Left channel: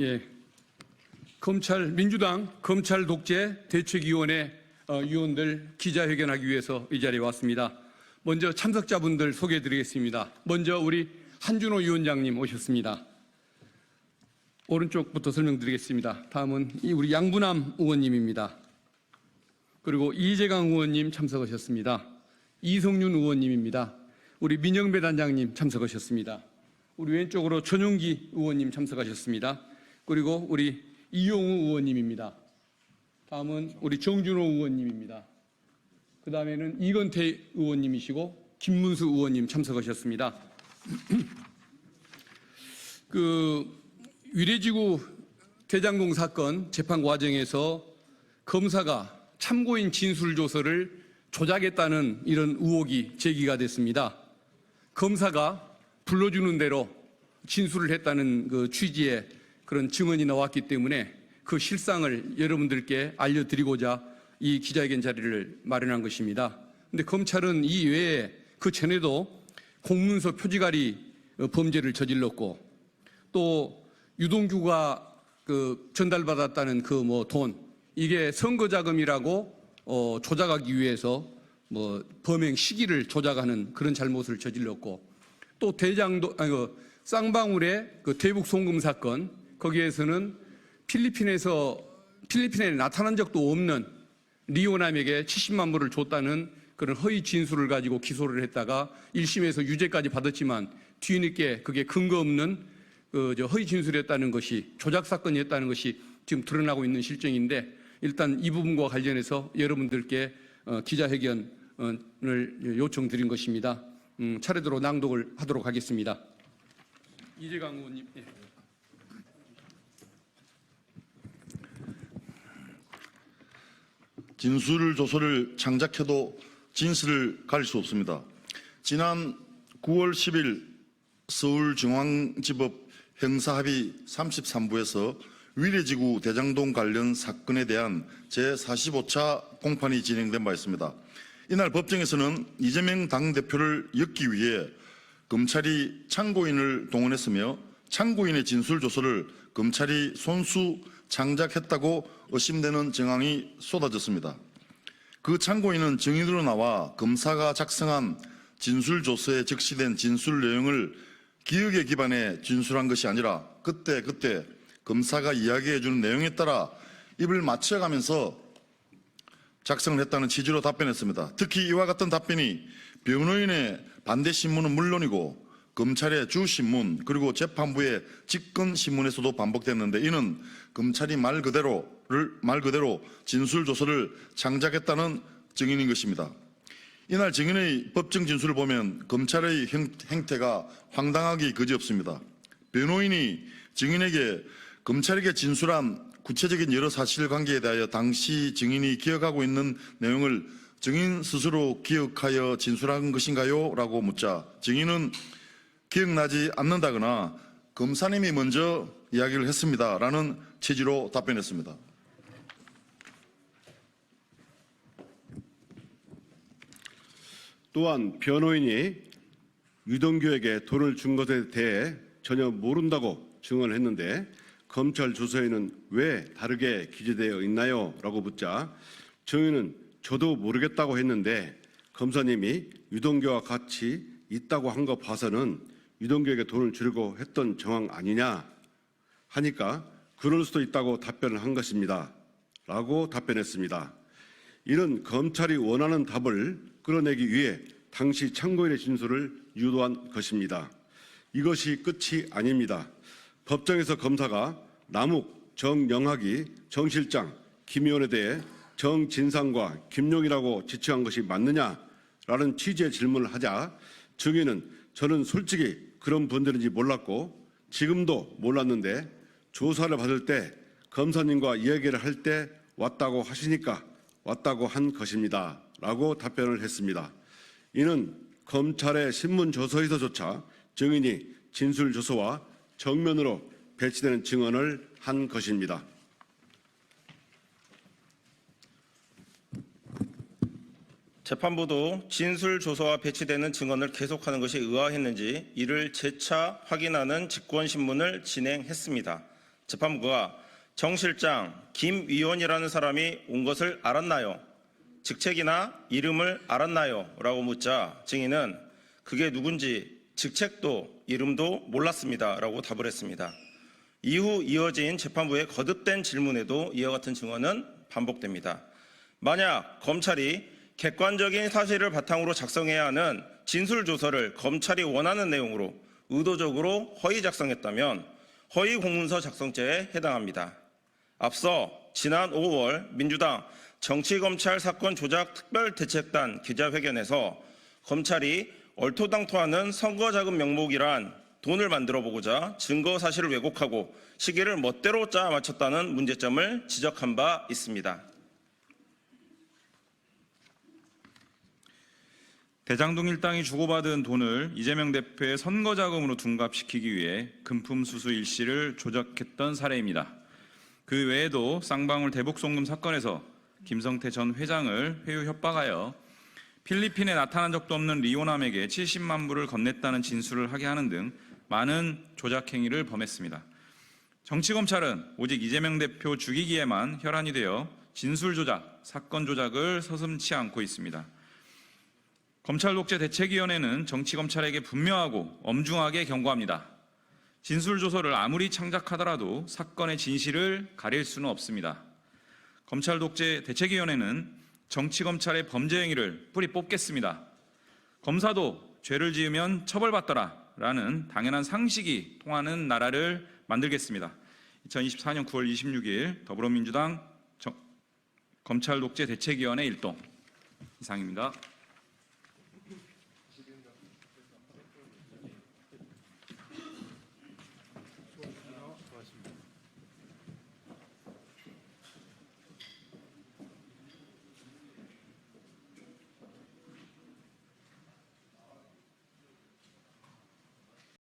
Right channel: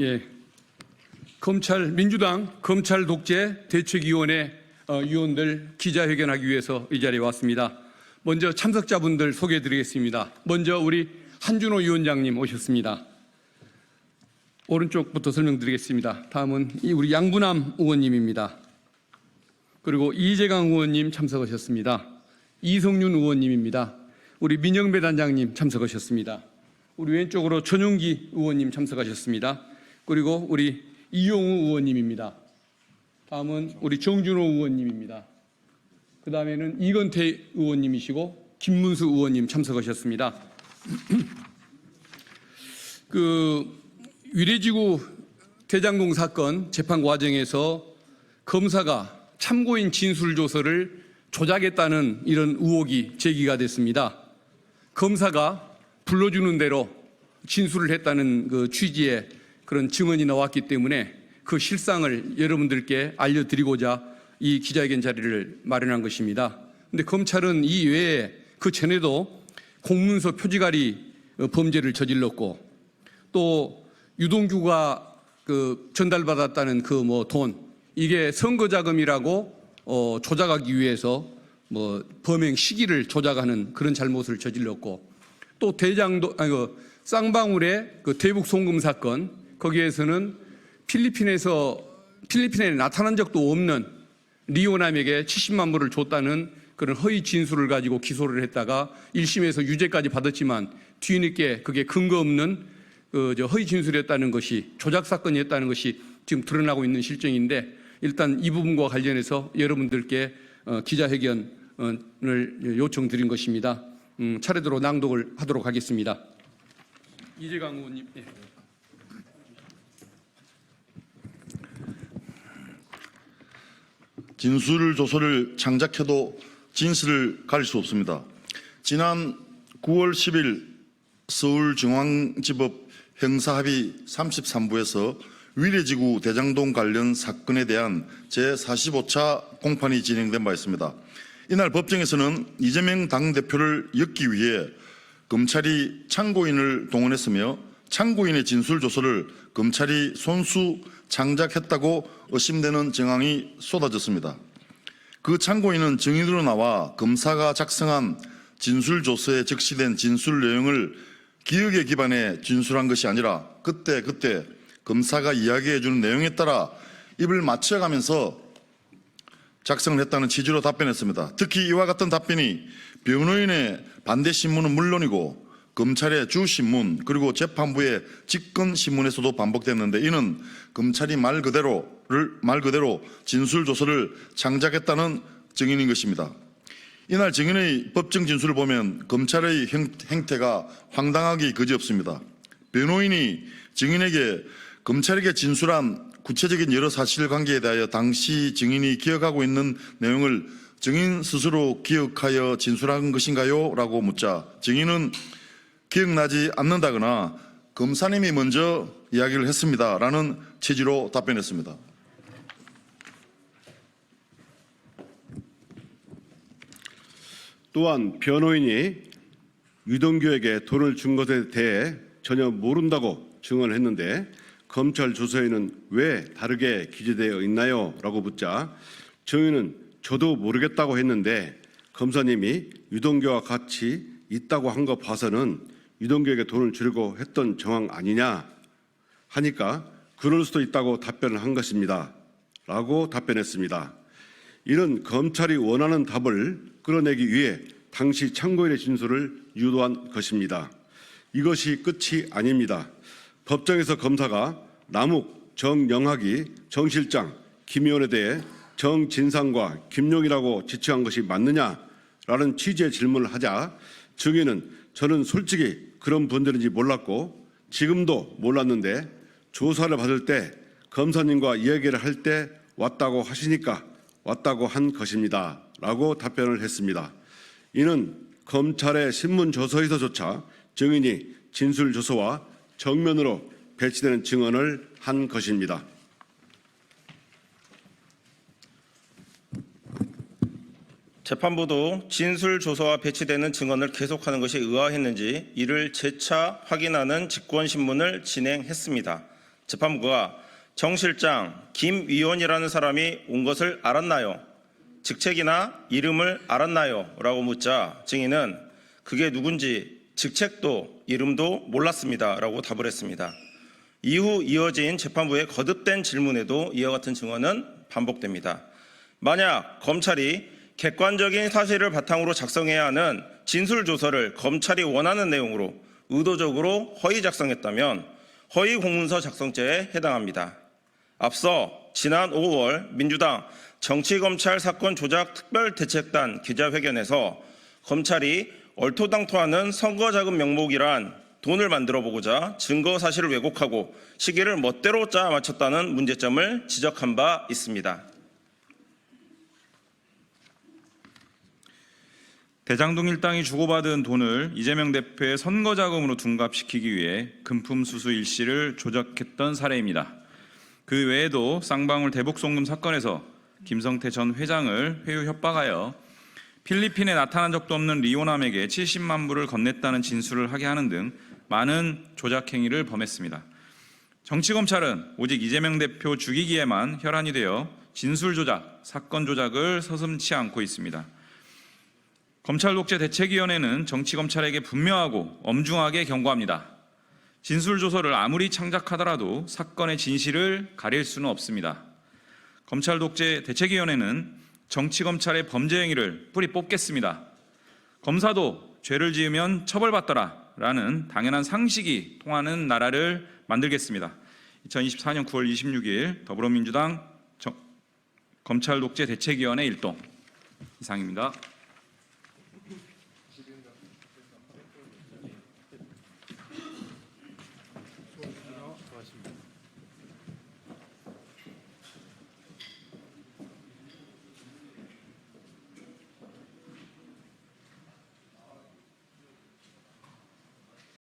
예, 민주당 검찰 독재 대책위원회 위원들 기자회견하기 위해서 이 자리에 왔습니다. 먼저 참석자분들 소개해드리겠습니다. 먼저 우리 한준호 위원장님 오셨습니다. 오른쪽부터 설명드리겠습니다. 다음은 우리 양부남 의원님입니다. 그리고 이재강 의원님 참석하셨습니다. 이성윤 의원님입니다. 우리 민영배 단장님 참석하셨습니다. 우리 왼쪽으로 전용기 의원님 참석하셨습니다. 그리고 우리 이용우 의원님입니다. 다음은 우리 정준호 의원님입니다. 그 다음에는 이건태 의원님이시고 김문수 의원님 참석하셨습니다. 위례지구 대장동 사건 재판 과정에서 검사가 참고인 진술조서를 조작했다는 이런 의혹이 제기가 됐습니다. 검사가 불러주는 대로 진술을 했다는 그 취지의 그런 증언이 나왔기 때문에 그 실상을 여러분들께 알려드리고자 이 기자회견 자리를 마련한 것입니다. 그런데 검찰은 이 외에 그 전에도 공문서 표지가리 범죄를 저질렀고 또 유동규가 전달받았다는 돈 이게 선거자금이라고 조작하기 위해서 범행 시기를 조작하는 그런 잘못을 저질렀고 또 쌍방울의 대북 송금 사건 거기에서는 필리핀에 나타난 적도 없는 리오남에게 70만 불을 줬다는 그런 허위 진술을 가지고 기소를 했다가 1심에서 유죄까지 받았지만 뒤늦게 그게 근거 없는 허위 진술이었다는 것이 조작 사건이었다는 것이 지금 드러나고 있는 실정인데 일단 이 부분과 관련해서 여러분들께 기자회견을 요청드린 것입니다. 차례대로 낭독을 하도록 하겠습니다. 이재강 의원님. 예. 진술조서를 창작해도 진실을 가릴 수 없습니다. 지난 9월 10일 서울중앙지법 형사합의 33부에서 위례지구 대장동 관련 사건에 대한 제45차 공판이 진행된 바 있습니다. 이날 법정에서는 이재명 당대표를 엮기 위해 검찰이 참고인을 동원했으며 참고인의 진술조서를 검찰이 손수 창작했다고 의심되는 정황이 쏟아졌습니다. 그 참고인은 증인으로 나와 검사가 작성한 진술조서에 적시된 진술 내용을 기억에 기반해 진술한 것이 아니라 그때 검사가 이야기해주는 내용에 따라 입을 맞춰가면서 작성을 했다는 취지로 답변했습니다. 특히 이와 같은 답변이 변호인의 반대 신문은 물론이고 검찰의 주신문 그리고 재판부의 직권신문에서도 반복됐는데 이는 검찰이 말 그대로 진술조서를 창작했다는 증인인 것입니다. 이날 증인의 법정 진술을 보면 검찰의 행태가 황당하기 그지없습니다. 변호인이 증인에게 검찰에게 진술한 구체적인 여러 사실관계에 대하여 당시 증인이 기억하고 있는 내용을 증인 스스로 기억하여 진술한 것인가요? 라고 묻자 증인은 기억나지 않는다거나 검사님이 먼저 이야기를 했습니다. 라는 취지로 답변했습니다. 또한 변호인이 유동규에게 돈을 준 것에 대해 전혀 모른다고 증언을 했는데 검찰 조서에는 왜 다르게 기재되어 있나요? 라고 묻자 증인은 저도 모르겠다고 했는데 검사님이 유동규와 같이 있다고 한 거 봐서는 유동규에게 돈을 주려고 했던 정황 아니냐 하니까 그럴 수도 있다고 답변을 한 것입니다. 라고 답변했습니다. 이는 검찰이 원하는 답을 끌어내기 위해 당시 참고인의 진술을 유도한 것입니다. 이것이 끝이 아닙니다. 법정에서 검사가 남욱, 정영학이 정 실장, 김 의원에 대해 정진상과 김용이라고 지칭한 것이 맞느냐라는 취지의 질문을 하자 증인은 저는 솔직히 그런 분들인지 몰랐고 지금도 몰랐는데 조사를 받을 때 검사님과 이야기를 할 때 왔다고 하시니까 왔다고 한 것입니다. 라고 답변을 했습니다. 이는 검찰의 신문조서에서조차 증인이 진술조서와 정면으로 배치되는 증언을 한 것입니다. 재판부도 진술조서와 배치되는 증언을 계속하는 것이 의아했는지 이를 재차 확인하는 직권신문을 진행했습니다. 재판부가 정 실장, 김 위원이라는 사람이 온 것을 알았나요? 직책이나 이름을 알았나요? 라고 묻자 증인은 그게 누군지 직책도 이름도 몰랐습니다. 라고 답을 했습니다. 이후 이어진 재판부의 거듭된 질문에도 이와 같은 증언은 반복됩니다. 만약 검찰이 객관적인 사실을 바탕으로 작성해야 하는 진술조서를 검찰이 원하는 내용으로 의도적으로 허위 작성했다면 허위 공문서 작성죄에 해당합니다. 앞서 지난 5월 민주당 정치검찰 사건 조작 특별대책단 기자회견에서 검찰이 얼토당토하는 선거자금 명목이란 돈을 만들어 보고자 증거 사실을 왜곡하고 시기를 멋대로 짜 맞췄다는 문제점을 지적한 바 있습니다. 대장동 일당이 주고받은 돈을 이재명 대표의 선거자금으로 둔갑시키기 위해 금품수수 일시를 조작했던 사례입니다. 그 외에도 쌍방울 대북송금 사건에서 김성태 전 회장을 회유 협박하여 필리핀에 나타난 적도 없는 리오남에게 70만 불을 건넸다는 진술을 하게 하는 등 많은 조작 행위를 범했습니다. 정치검찰은 오직 이재명 대표 죽이기에만 혈안이 되어 진술 조작, 사건 조작을 서슴지 않고 있습니다. 검찰독재대책위원회는 정치검찰에게 분명하고 엄중하게 경고합니다. 진술조서를 아무리 창작하더라도 사건의 진실을 가릴 수는 없습니다. 검찰독재대책위원회는 정치검찰의 범죄 행위를 뿌리 뽑겠습니다. 검사도 죄를 지으면 처벌받더라 라는 당연한 상식이 통하는 나라를 만들겠습니다. 2024년 9월 26일 더불어민주당 검찰독재대책위원회 일동 이상입니다.